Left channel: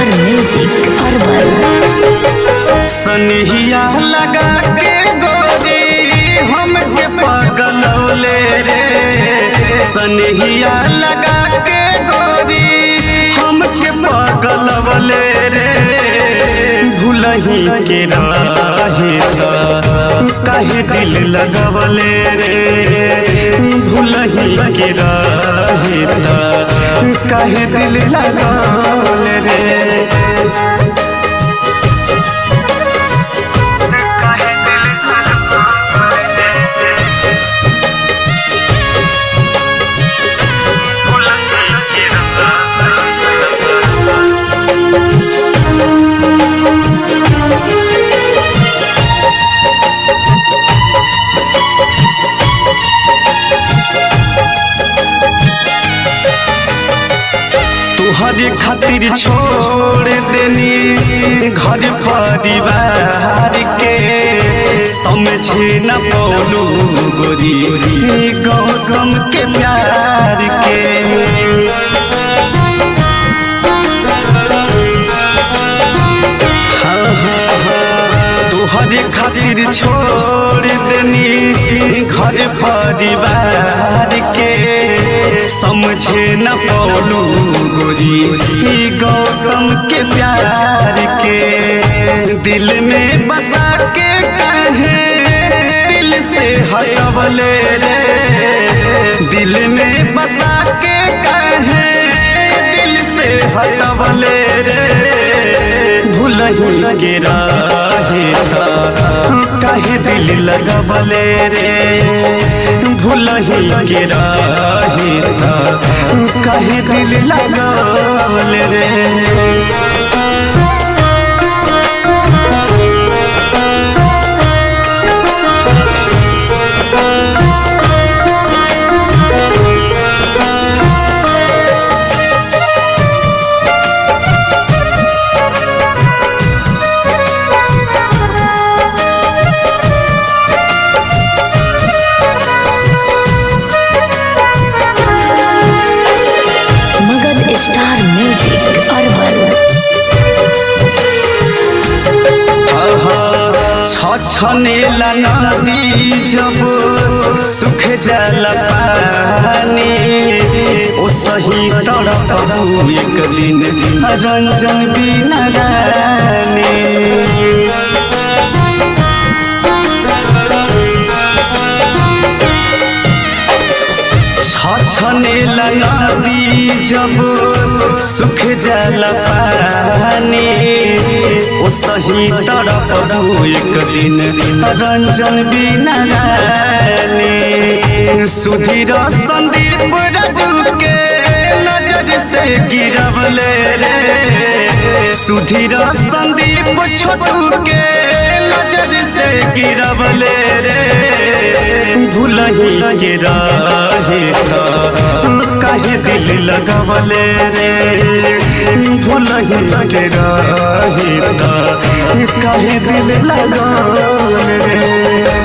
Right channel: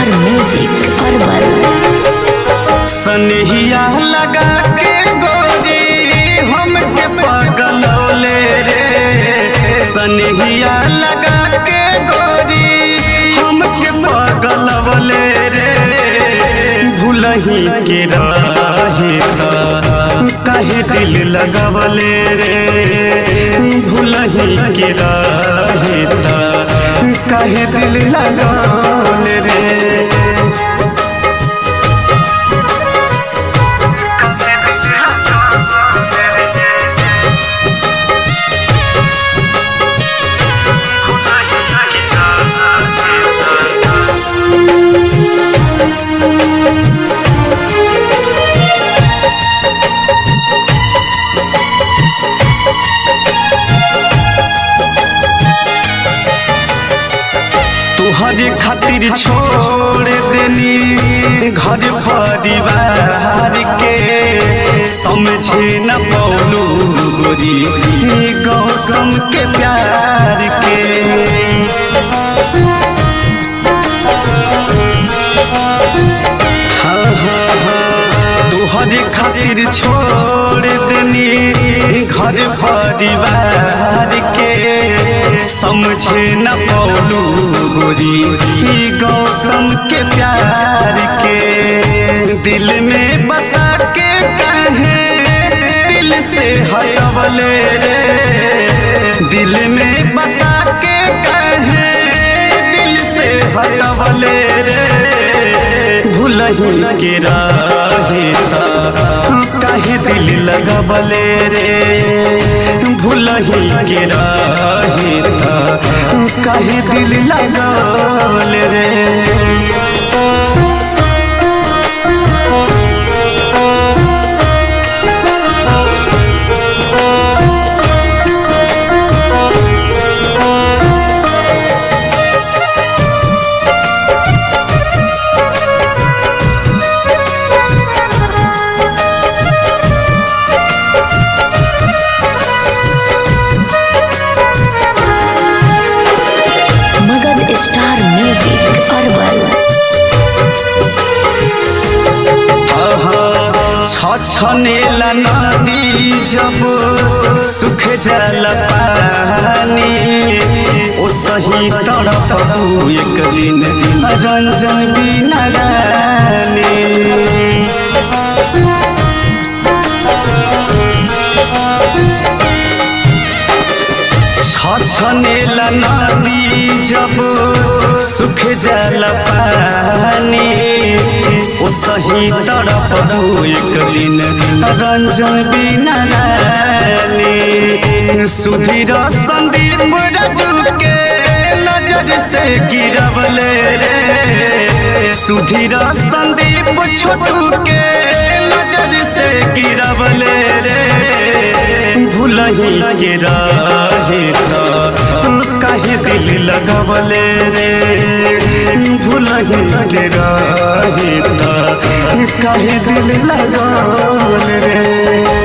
Star music herbal. सनहिया लगा के गोरी हमके पगलौले रे, सनहिया लगा के गोरी हमके पगलौले रे। भूलही के राहे काहे दिल लगवले रे, भूलही के राहे काहे दिल लगवले रे। तुहरे खातिर छोड़ देनी घर परिवार के, समझे न पौलू गोरी गौतम के प्यार के। तुहरे खातिर छोड़ देनी घर परिवार के, समझे न पौलू गोरी गौतम के प्यार के। दिल में बसा के कहे दिल से हटवले रे, दिल में बसा के कहे दिल से हटवले रे। भूलही के राहे काहे दिल लगवले रे, भूलही के राहे काहे दिल लगवले रे। Star music herbal. छछनेला नदी जब सुख जल पानी, ओ सही तड़प एक दिन रंजन बिना रानी। छछनेला नदी जब सुख जल पानी, ओ सही तड़प एक दिन रंजन बिना रानी। सुधीर संदीप राजू के नजर से गिरवले रे, सुधीर संदीप छोटू के नजर से गिरवले रे। भूलही के राहे काहे दिल लगवले रे, भूलही के राहे काहे दिल लगवले रे।